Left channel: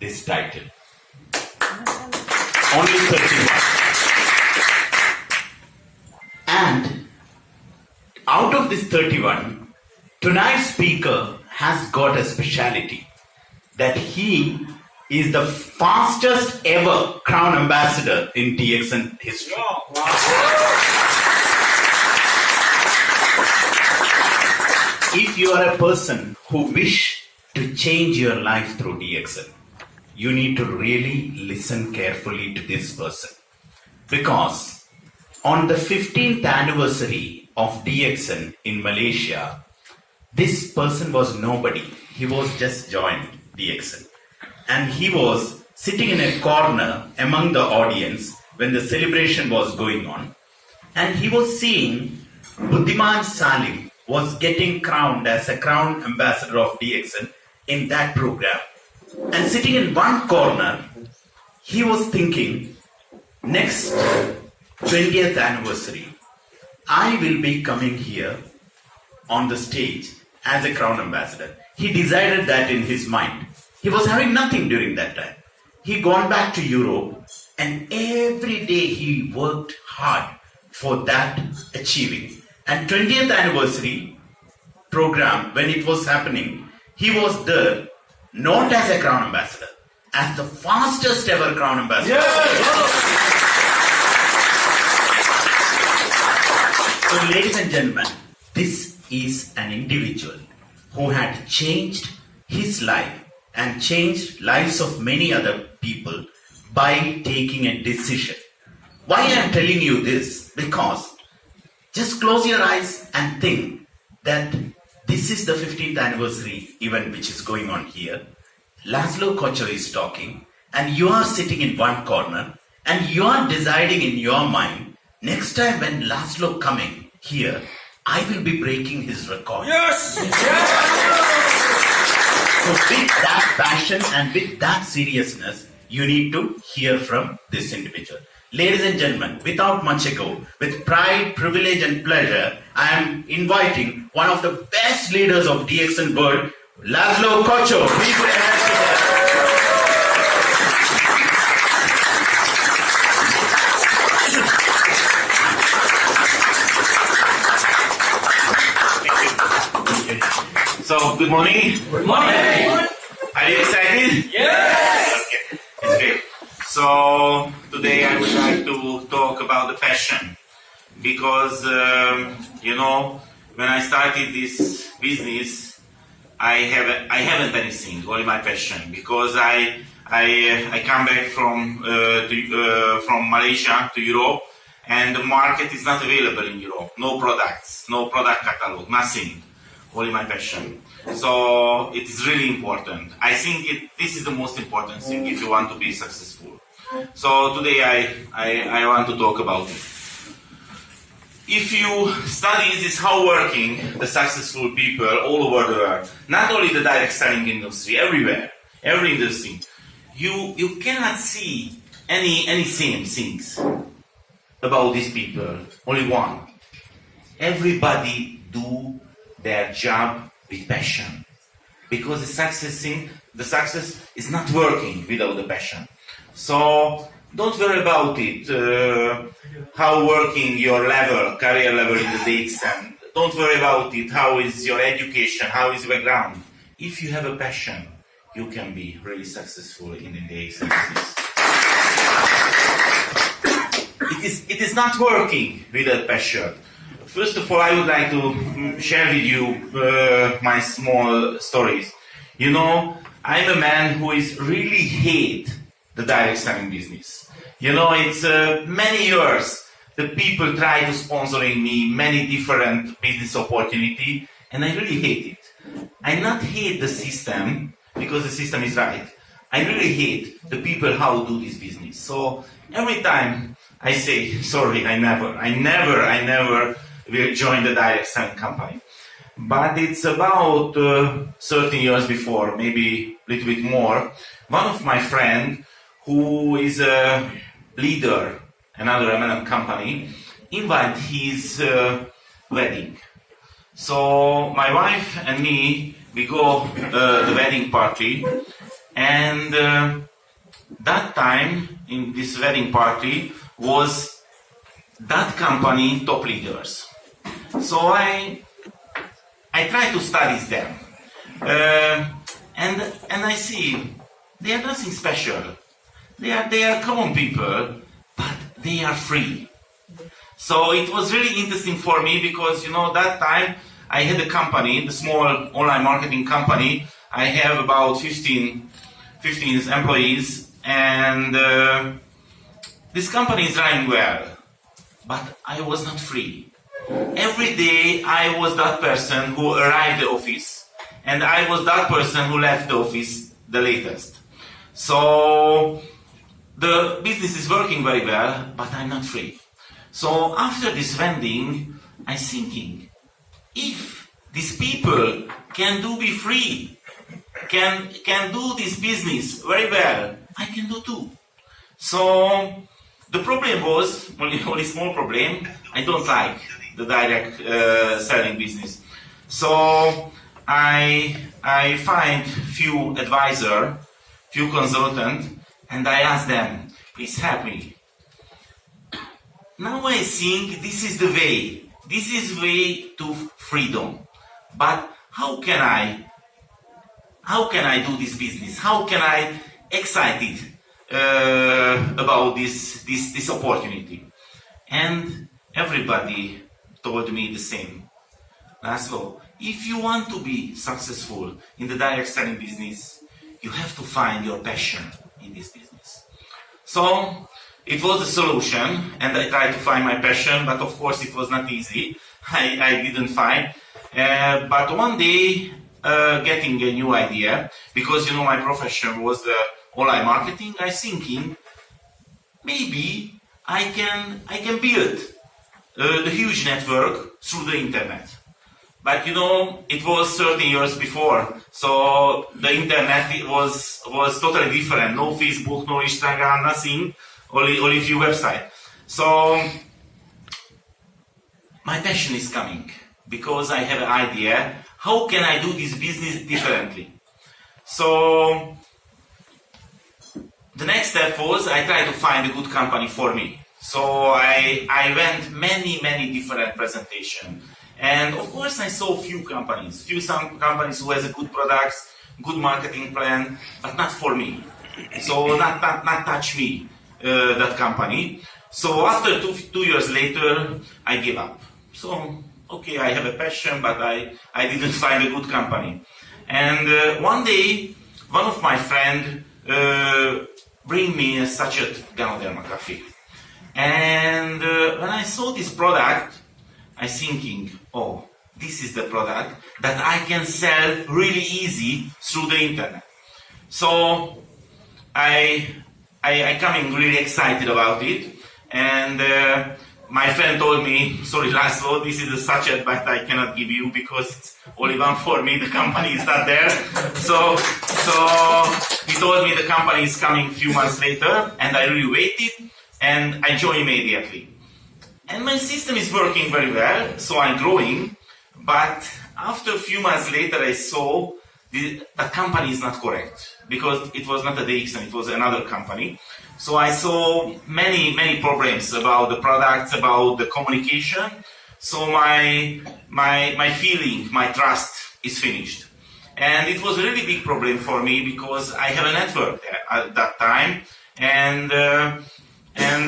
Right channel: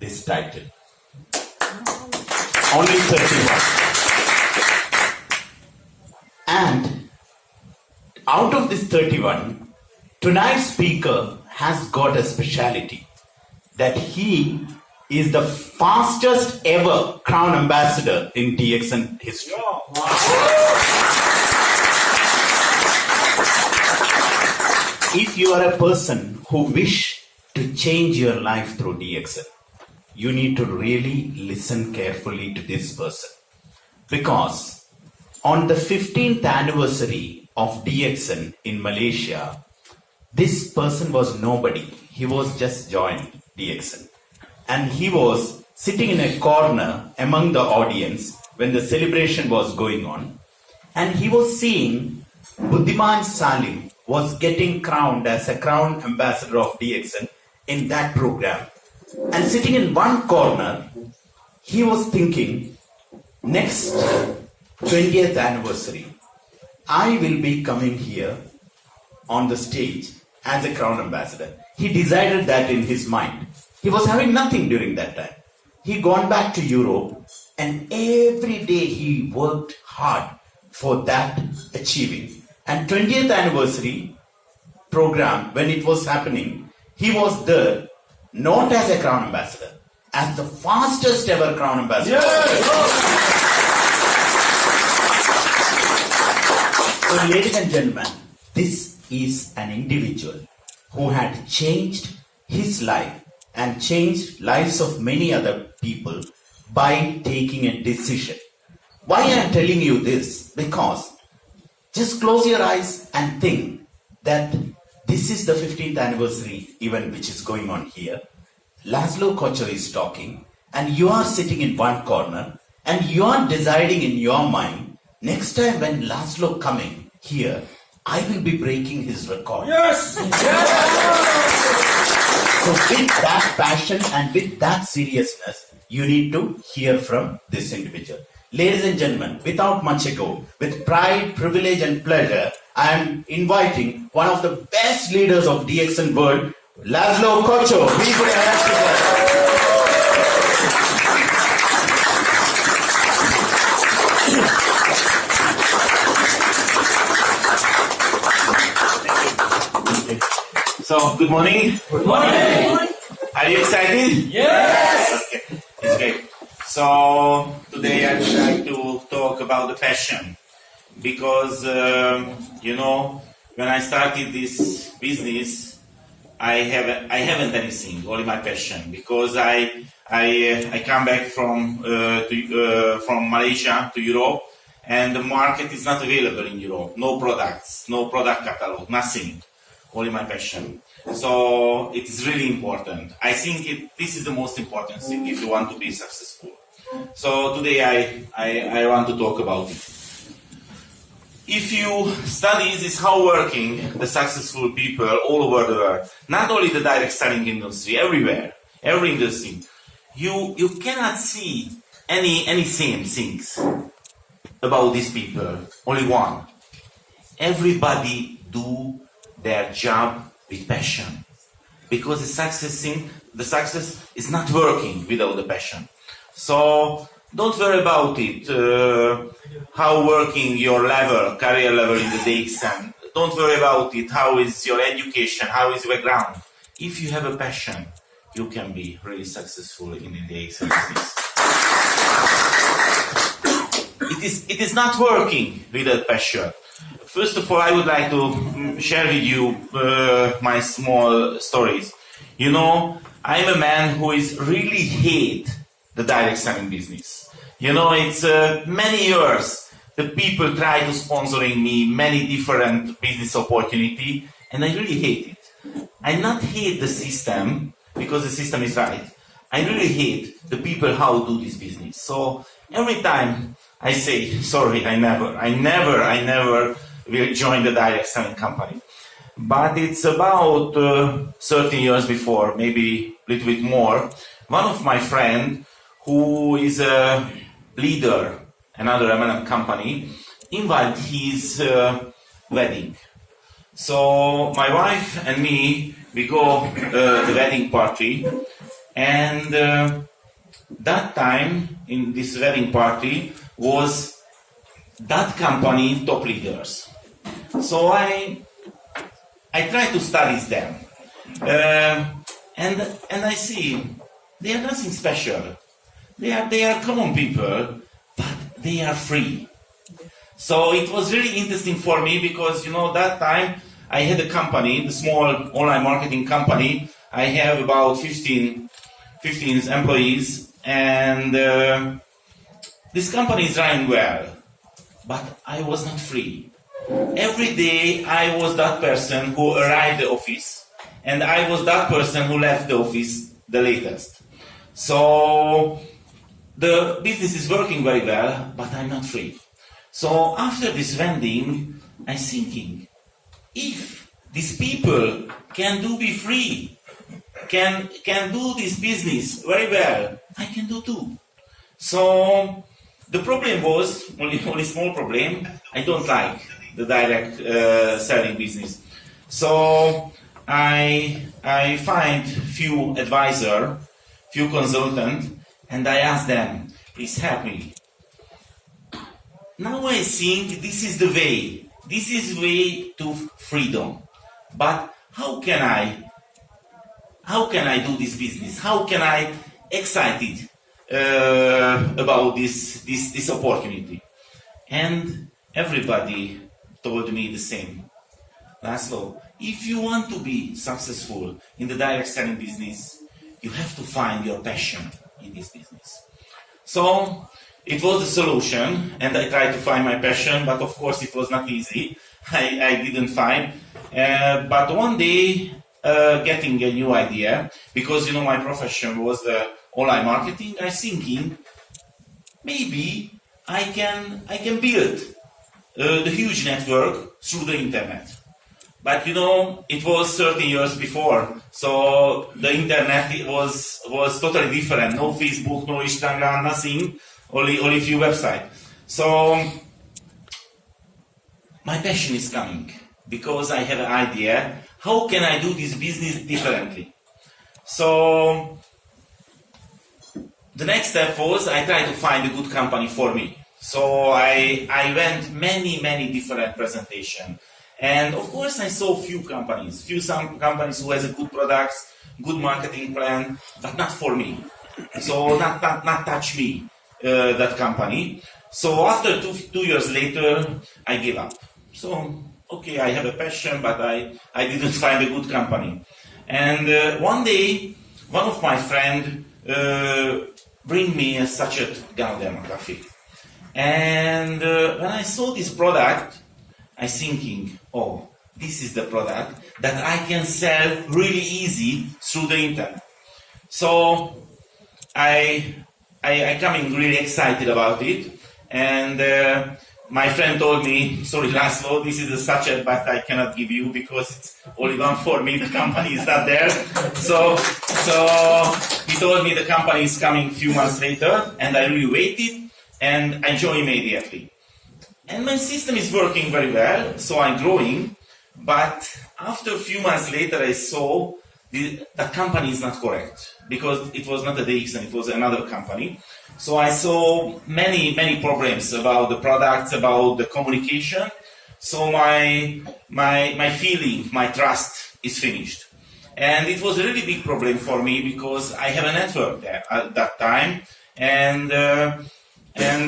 this title. Only 31. And out of this 31, tonight's speaker has got a speciality that he is the fastest ever Crown Ambassador in DXN history. If you are a person who wish to change your life through DXN, you need to really listen carefully to this person. Because on the 15th anniversary of DXN in Malaysia, this person was nobody. He was just joined DXN. And he was sitting in a corner among the audience when the celebration was going on. And he was seeing Buddhiman Salim was getting crowned as a Crown Ambassador of DXN in that program. And sitting in one corner, he was thinking, next 20th anniversary, I will be coming here on the stage as a Crown Ambassador. He decided that in his mind. He was having nothing during that time. He gone back to Europe and every day he worked hard for that achieving. And 20th anniversary program, when it was happening, he was there not as a Crown Ambassador, as the fastest ever Crown Ambassador. Yes. So ladies and gentlemen, this is an individual who had changed his life and changed lives of many other people by taking a decision. Why I am telling you this? Because just close your eyes and think that this is the 15th anniversary event which is going on here. Laszlo Kocho is talking and you are sitting in one corner and you are deciding in your mind, next time when Laszlo coming here, I will be breaking his record. Yes! So with that passion and with that seriousness, you need to hear from this individual. Ladies and gentlemen, without much ado, with pride, privilege and pleasure, I am inviting one of the best leaders of DXN world, Laszlo Kocho. Please put your hands together. So, good morning. Good morning. Are you excited? Yes. Okay, it's great. So, today I would like to talk about the passion. Because, when I started this business, I haven't anything, only my passion. Because I come back from Malaysia to Europe, and the market is not available in Europe. No products, no product catalog, nothing. Only my passion. So it is really important. I think this is the most important thing if you want to be successful. So today I want to talk about it. If you study this how working the successful people all over the world, not only the direct selling industry, everywhere, every industry, you cannot see any same things about these people. Only one. Everybody do their job with passion, because the success is not working without the passion. So don't worry about it, how working your level, career level in the DXN. Don't worry about it, how is your education, how is your background. If you have a passion, you can be really successful in the DXN business. It is not working without passion. First of all, I would like to share with you my small stories. You know, I'm a man who is really hate the direct selling business. You know, it's many years the people try to sponsoring me many different business opportunity, and I really hate it. I not hate the system because the system is right. I really hate the people how do this business. So every time I say sorry, I never will join the direct selling company. But it's about 13 years before, maybe a little bit more, one of my friends who is a leader, another MLM company, invited his wedding. So my wife and me, we go the wedding party, And that time in this wedding party was that company top leaders. So I try to study them, and I see they are nothing special. They are common people, but they are free. So it was really interesting for me because that time I had a company, the small online marketing company. I have about 15 employees, and this company is running well, but I was not free. Every day I was that person who arrived at the office, and I was that person who left the office the latest. So the business is working very well, but I'm not free. So after this vending, I'm thinking, if these people can be free, can do this business very well, I can do too. So the problem was only small problem. I don't like the direct selling business. So I find few advisor, few consultant, and I ask them, please help me. Now I think this is the way. This is way to freedom. But how can I do this business? How can I excited about this opportunity? And everybody told me the same. Laszlo, if you want to be successful in the direct selling business, you have to find your passion in this business. So it was the solution, and I tried to find my passion, but of course it was not easy. I didn't find. But one day, getting a new idea, because my profession was online marketing, I thinking maybe I can build the huge network through the internet. But it was 30 years before, so the internet was totally different. No Facebook, no Instagram, nothing, only a few websites. So my passion is coming because I have an idea. How can I do this business differently? So the next step was I tried to find a good company for me. So I went many different presentations. And of course I saw few companies who has a good products, good marketing plan, but not for me. So not touch me, that company. So after two years later, I gave up. So, okay, I have a passion, but I didn't find a good company. And one day, one of my friends bring me a sachet Ganoderma coffee. And when I saw this product, I thinking, oh, this is the product that I can sell really easy through the internet. So I coming really excited about it, and my friend told me, sorry Laszlo, this is a sachet, but I cannot give you because it's only one for me, the company is not there. So he told me the company is coming a few months later, and I really waited, and I joined immediately. And my system is working very well, so I'm growing, but after a few months later I saw the company is not correct, because it was not a DXN, it was another company. So I saw many problems about the products, about the communication. So my feeling, my trust is finished. And it was a really big problem for me because I have a network there at that time, and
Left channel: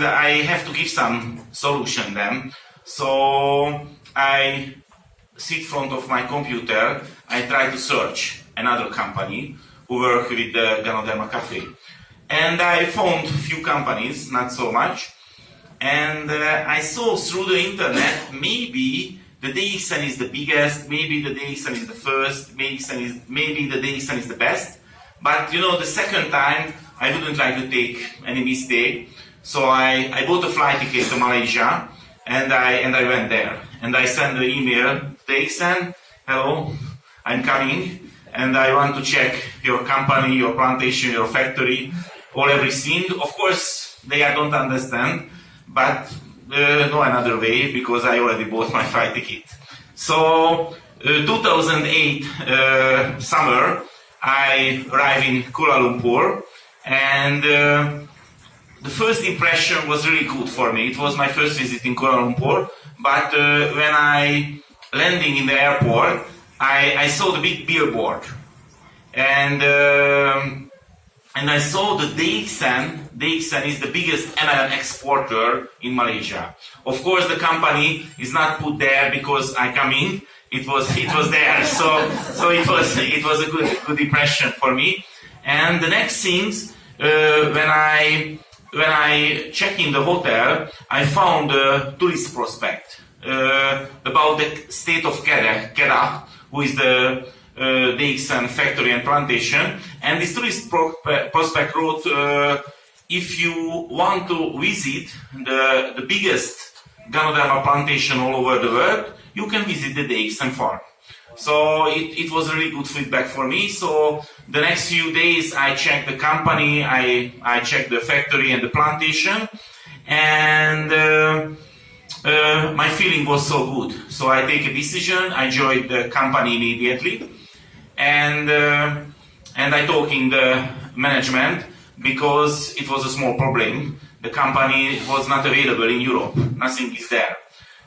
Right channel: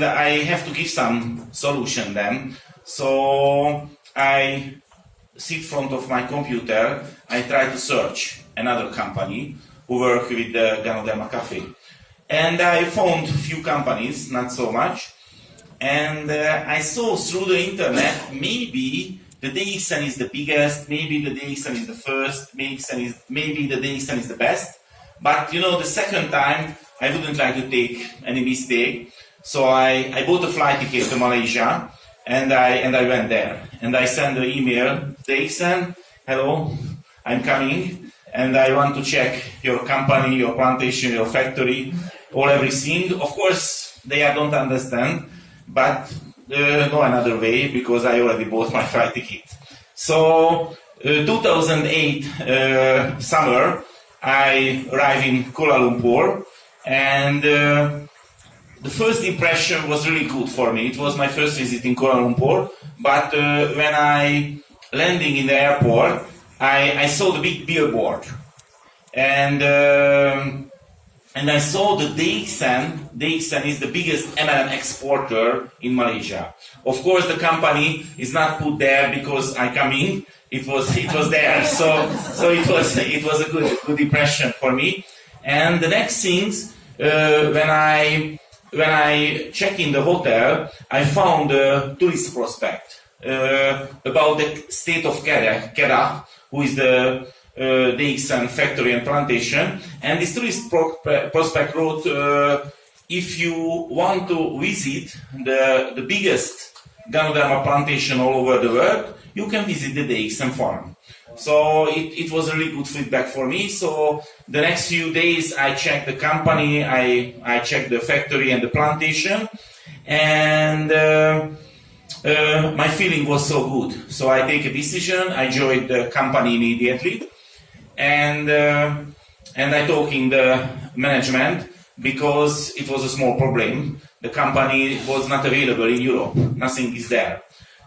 I have to give some solution then. So I sit in front of my computer, I try to search another company who work with the Ganoderma Cafe. And I found a few companies, not so much. And I saw through the internet, maybe the DXN is the biggest, maybe the DXN is the first, maybe the DXN is the best. But the second time, I wouldn't like to take any mistake. So I bought a flight ticket to Malaysia, and I went there. And I sent the email, DXN, hello, I'm coming, and I want to check your company, your plantation, your factory, everything. Of course, they don't understand, but no another way, because I already bought my flight ticket. So 2008 summer, I arrived in Kuala Lumpur, and the first impression was really good for me. It was my first visit in Kuala Lumpur, but when I landing in the airport, I saw the big billboard, and I saw the DXN. DXN is the biggest MLM exporter in Malaysia. Of course, the company is not put there because I come in. It was there, so it was a good impression for me. And the next things, when I checked in the hotel, I found a tourist prospect about the state of Kedah, who is the DXN factory and plantation. And this tourist prospect wrote, if you want to visit the biggest Ganoderma plantation all over the world, you can visit the DXN farm. So it was really good feedback for me. So the next few days I checked the company, I checked the factory and the plantation, and my feeling was so good. So I take a decision, I joined the company immediately, and I talked in the management because it was a small problem. The company was not available in Europe, nothing is there.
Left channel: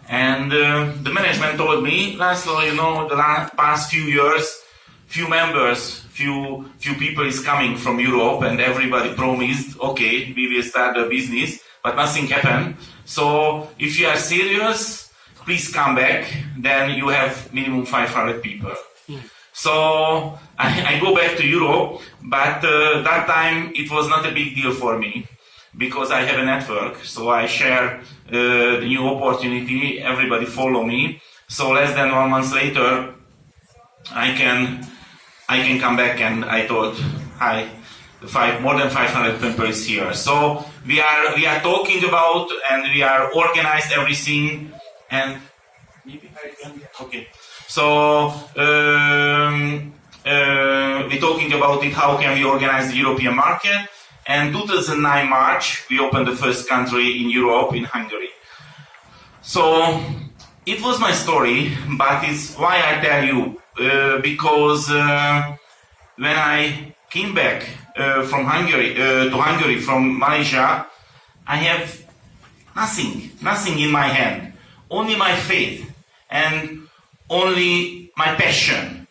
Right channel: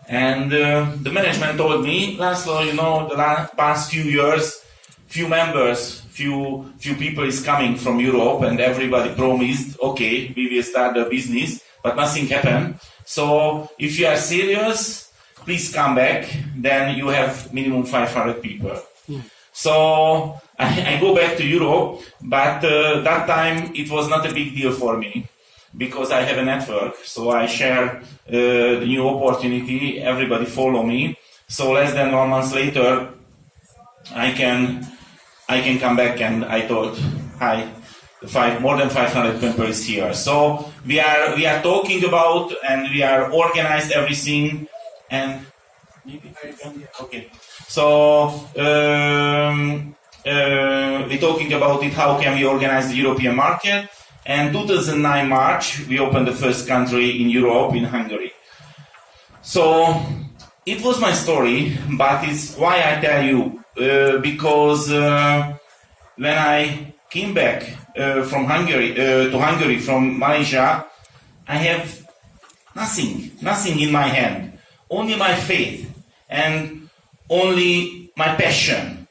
And the management told me, László, you know, the past few years, few members, few people is coming from Europe, and everybody promised, okay, we will start a business, but nothing happened. So if you are serious, please come back, then you have minimum 500 people. So I go back to Europe, but that time it was not a big deal for me, because I have a network, so I share the new opportunity, everybody follow me. So less than 1 month later, I can come back, and I thought, hi, more than 500 people is here. So we are talking about, and we are organized everything, and maybe okay. So we're talking about it, how can we organize the European market. And 2009 March, we opened the first country in Europe, in Hungary. So it was my story, but it's why I tell you, because when I came back from Hungary to Hungary from Malaysia, I have nothing in my hand, only my faith and only my passion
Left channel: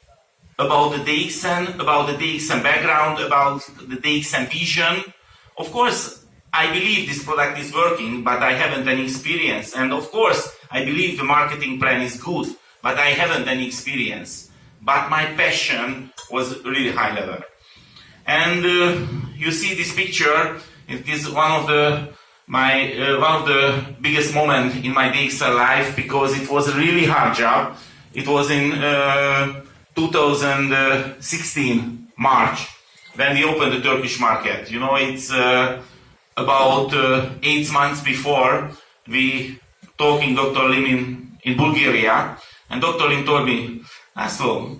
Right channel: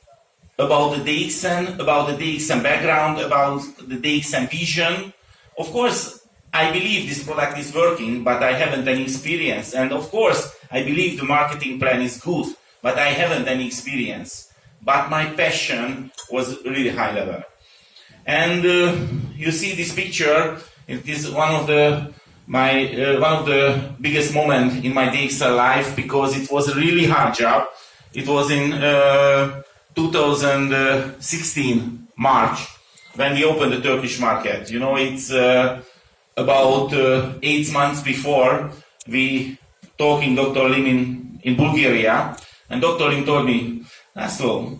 about the DXN, about the DXN background, about the DXN vision. Of course, I believe this product is working, but I haven't any experience. And of course, I believe the marketing plan is good, but I haven't any experience. But my passion was really high level. And you see this picture. It is one of the biggest moments in my DXN life, because it was a really hard job. It was in 2016 March when we opened the Turkish market. You know, it's about 8 months before we talking Dr. Lim in Bulgaria, and Dr. Lim told me, László,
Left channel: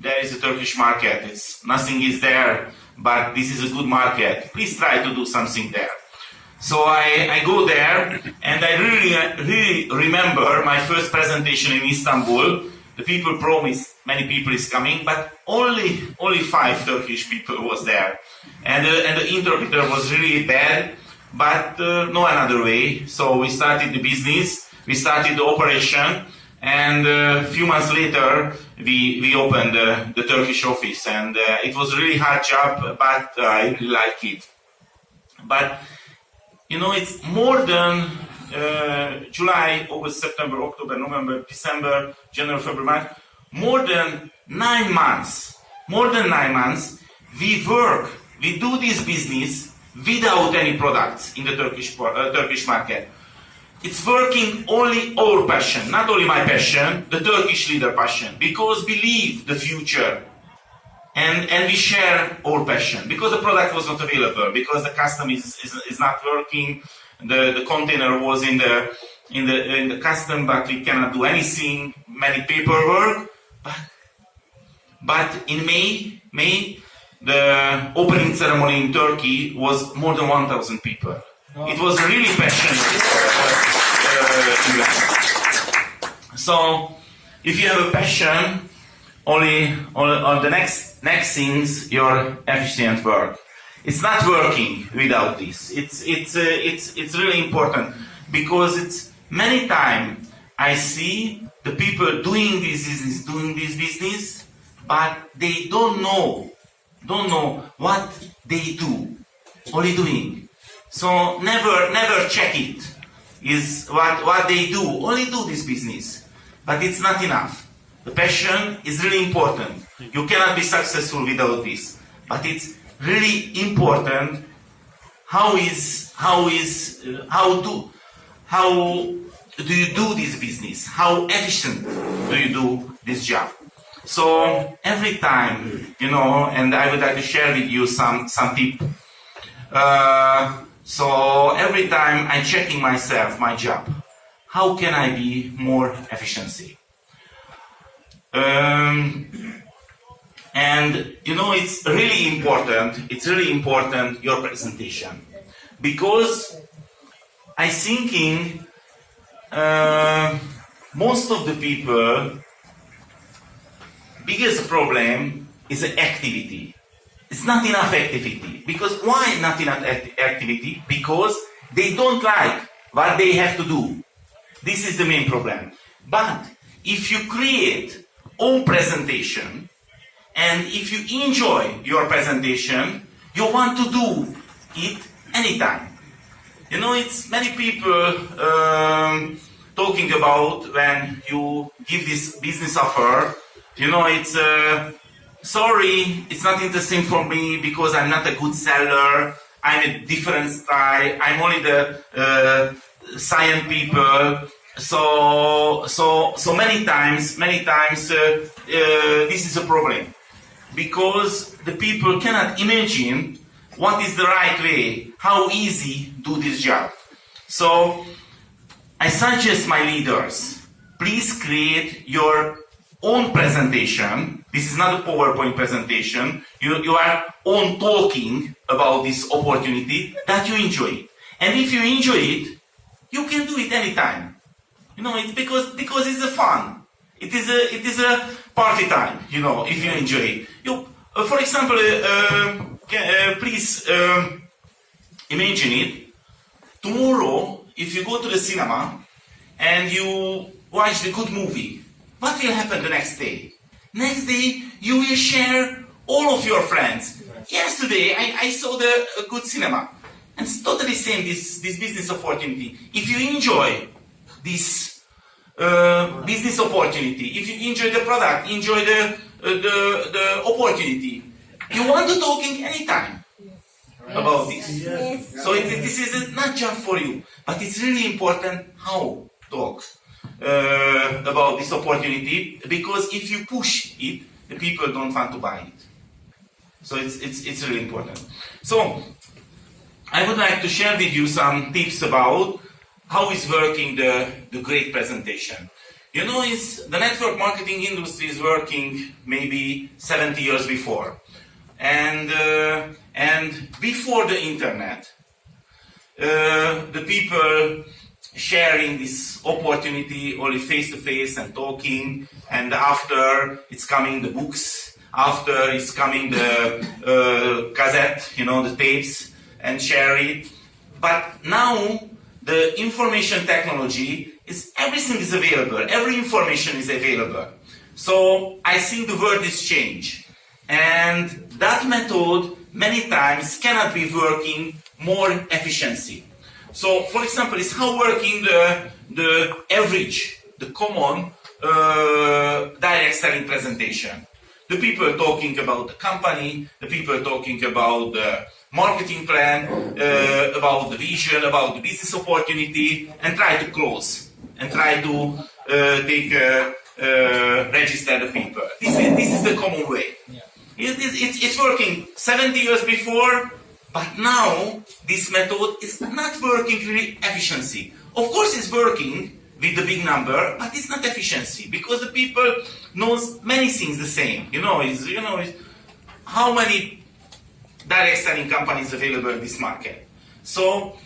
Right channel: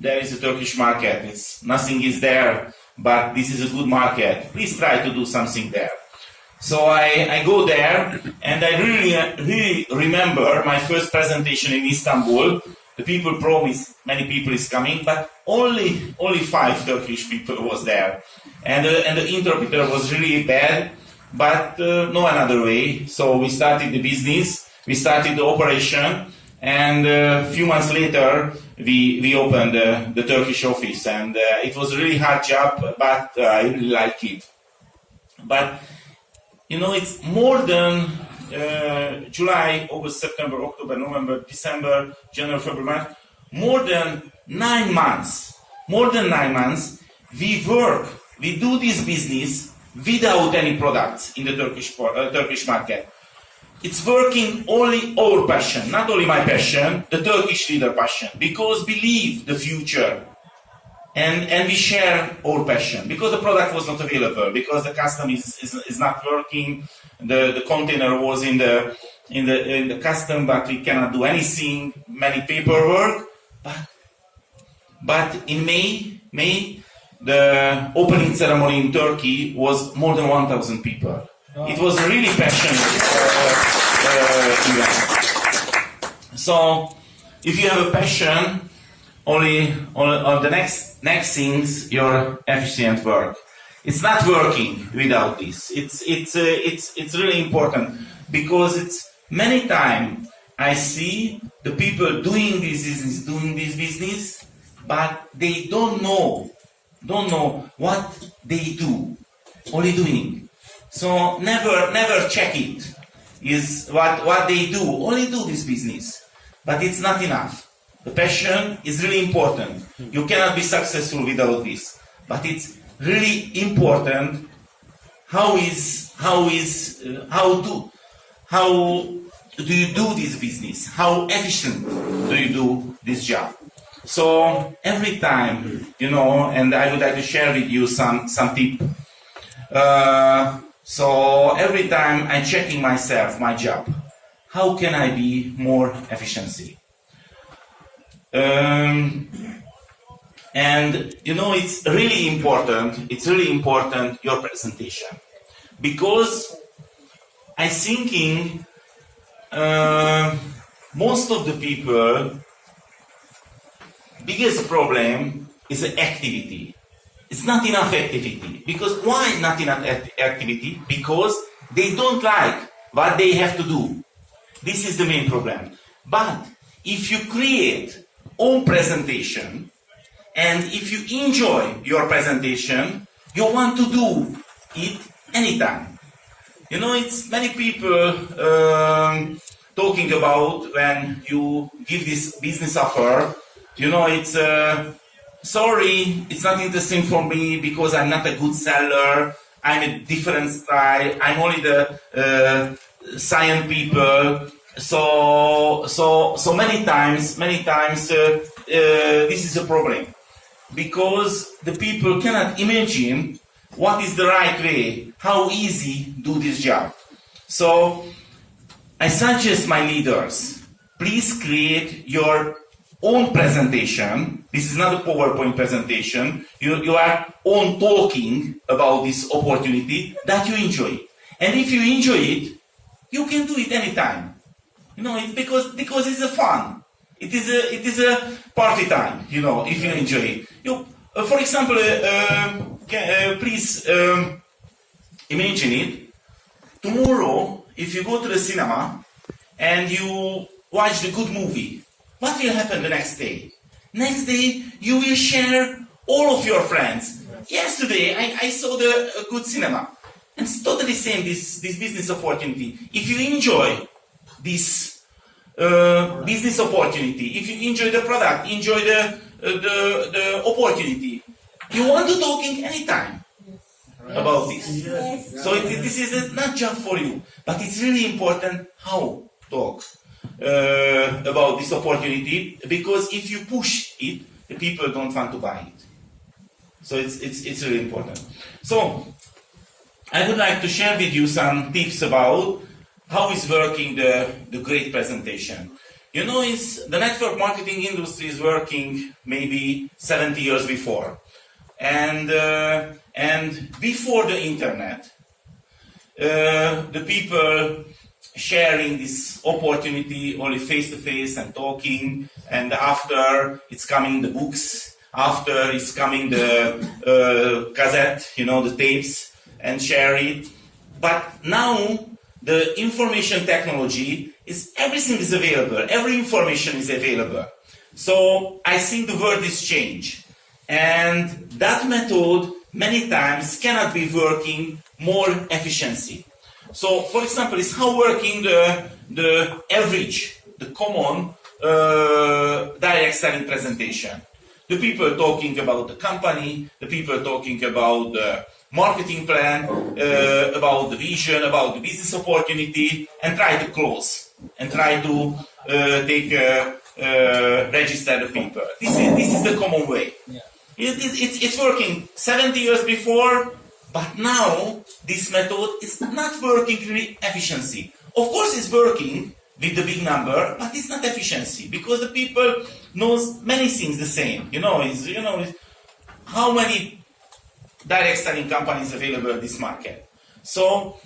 there is a Turkish market. Nothing is there, but this is a good market. Please try to do something there. So I go there, and I really remember my first presentation in Istanbul. The people promised many people is coming, but only 5 Turkish people was there, and the interpreter was really bad, but no another way. So we started the business, we started the operation, and a few months later we opened the Turkish office, and it was a really hard job, but I really like it. But you know, it's more than July, August, September, October, November, December, January, February, March, more than 9 months, we do this business without any products in the Turkish market. It's working only our passion, not only my passion, the Turkish leader passion, because believe the future. And we share our passion, because the product was not available, because the custom is not working. The container was in the custom, but we cannot do anything. Many paperwork. But in May, the opening ceremony in Turkey was more than 1,000 people. Wow. It was really passionate event. So if you have a passion, only the next things your efficient work. It's not working without this. It's really important because it's many times I see the people doing this business, but they don't know what they do, only doing. So never check it. Is what they do, only do this business, but it's not enough. The passion is really important. You cannot be successful without this, but it's really important. How do you do this business? How efficient do you do this job? So every time, and I would like to share with you some tip. So every time I'm checking myself, my job, how can I be more efficiency? And it's really important. It's really important your presentation, because I thinking most of the people biggest problem is the activity. It's not enough activity. Because why not enough activity? Because they don't like what they have to do. This is the main problem. But if you create own presentation, and if you enjoy your presentation, you want to do it anytime. It's many people talking about when you give this business offer, it's sorry, it's not interesting for me because I'm not a good seller. I'm a different style. I'm only the science people. So many times, this is a problem, because the people cannot imagine what is the right way, how easy do this job. So I suggest my leaders, please create your own presentation. This is not a PowerPoint presentation. You are on talking about this opportunity that you enjoy. And if you enjoy it, you can do it anytime. It's because it's a fun. It is a party time. If you enjoy it. For example, please imagine it. Tomorrow, if you go to the cinema and you watch the good movie, what will happen the next day? Next day, you will share all of your friends. Yesterday, I saw the good cinema. And it's totally same, this business opportunity. If you enjoy this business opportunity, if you enjoy the product, enjoy the opportunity, you want to talk in anytime about this. Yes. So this is not just for you, but it's really important how talk about this opportunity, because if you push it, the people don't want to buy it. So it's really important. So I would like to share with you some tips about how is working the great presentation. The network marketing industry is working maybe 70 years before. And before the internet, the people sharing this opportunity only face-to-face and talking, and after it's coming the books, after it's coming the cassette, the tapes, and share it. But now the information technology is, everything is available, every information is available. So I think the world is changed. And that method many times cannot be working more efficiency. So, for example, is how working the average, the common direct selling presentation. The people talking about the company, the people talking about the marketing plan, about the vision, about the business opportunity, and try to close, and try to register the people. This is the common way. Yeah. It's working 70 years before, but now this method is not working really efficiency. Of course it's working with the big number, but it's not efficiency, because the people knows many things the same. It's how many direct selling companies available in this market. So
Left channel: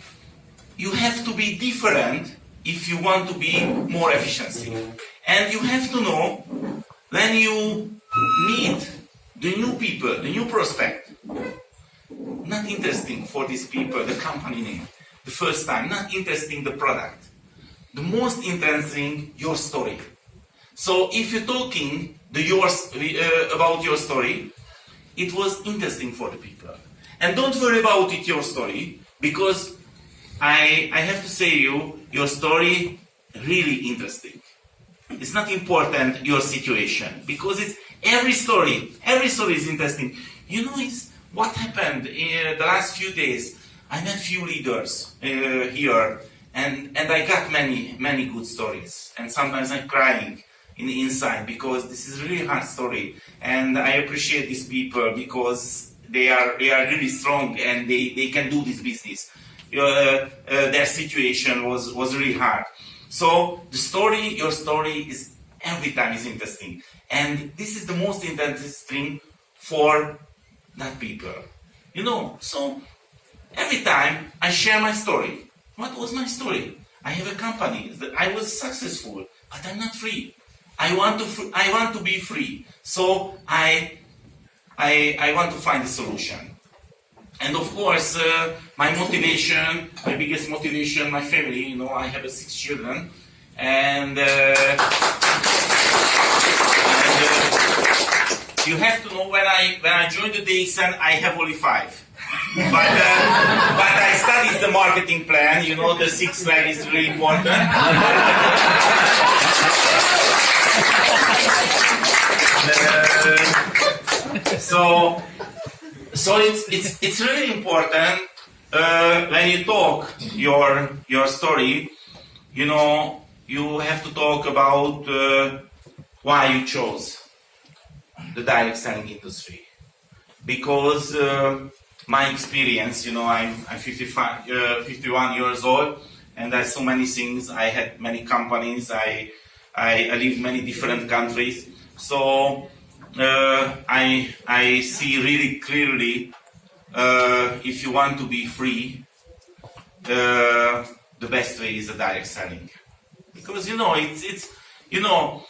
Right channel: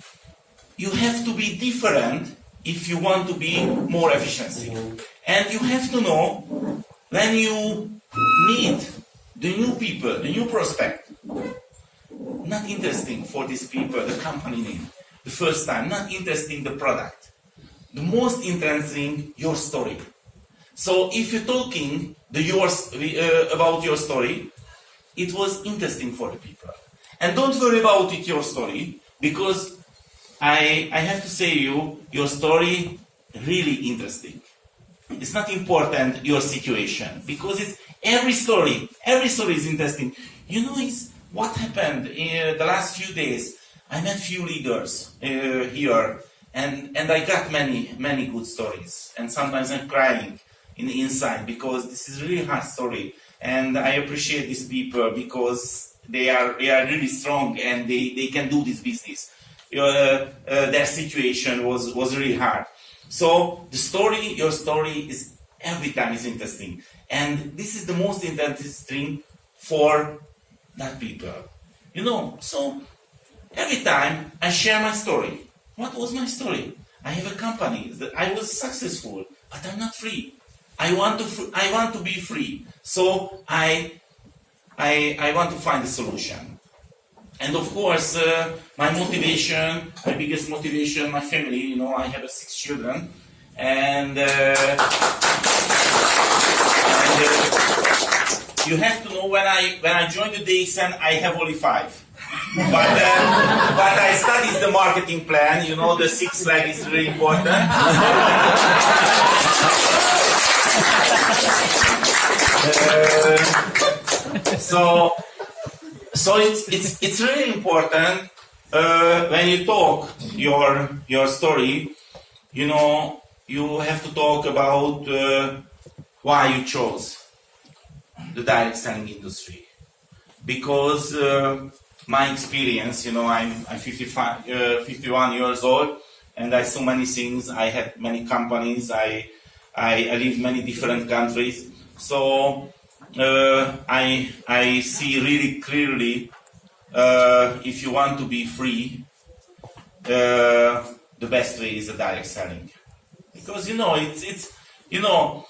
you have to be different if you want to be more efficiency. And you have to know when you meet the new people, the new prospect, not interesting for these people, the company name, the first time, not interesting the product. The most interesting, your story. So if you're talking about your story, it was interesting for the people. And don't worry about it, your story, because I have to say your story really interesting. It's not important your situation, because it's every story is interesting. You know, it's what happened in the last few days. I met few leaders here, and I got many good stories. And sometimes I'm crying in the inside, because this is really hard story. And I appreciate these people because they are really strong and they can do this business. Their situation was really hard. So your story is every time is interesting. And this is the most interesting for that people. You know, so every time I share my story. What was my story? I have a company that I was successful, but I'm not free. I want to be free. So I want to find a solution. And of course, my biggest motivation, my family. You know, I have 6 children, and you have to know when I joined the DXN, I have only 5. But I studied the marketing plan. You know, the 6th slide is really important. So it's really important when you talk your story. You know, you have to talk about why you chose the direct selling industry. Because my experience, you know, I'm 51 years old, and I saw many things. I had many companies. I lived many different countries. So I see really clearly if you want to be free, the best way is the direct selling. Because you know it's you know,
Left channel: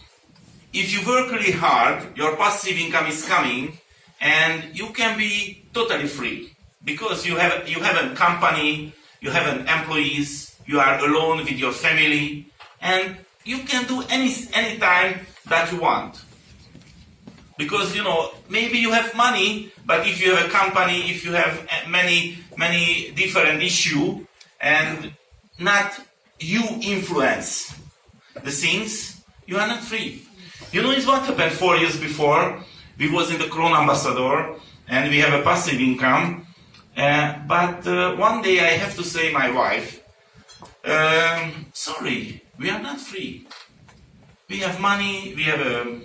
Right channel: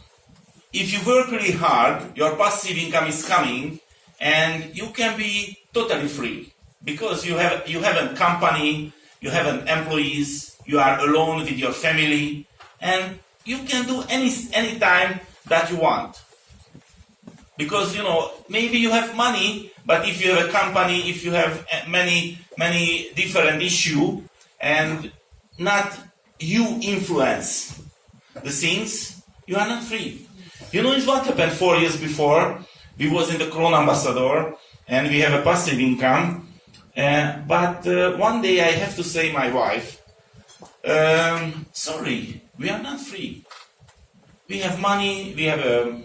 if you work really hard, your passive income is coming, and you can be totally free because you have a company, you have employees, you are alone with your family, and you can do any time that you want. Because you know, maybe you have money, but if you have a company, if you have many different issues, and not you influence the things, you are not free. You know, it's what happened 4 years before. We was in the Crown Ambassador, and we have a passive income. But one day I have to say my wife, sorry, we are not free. We have money, we have a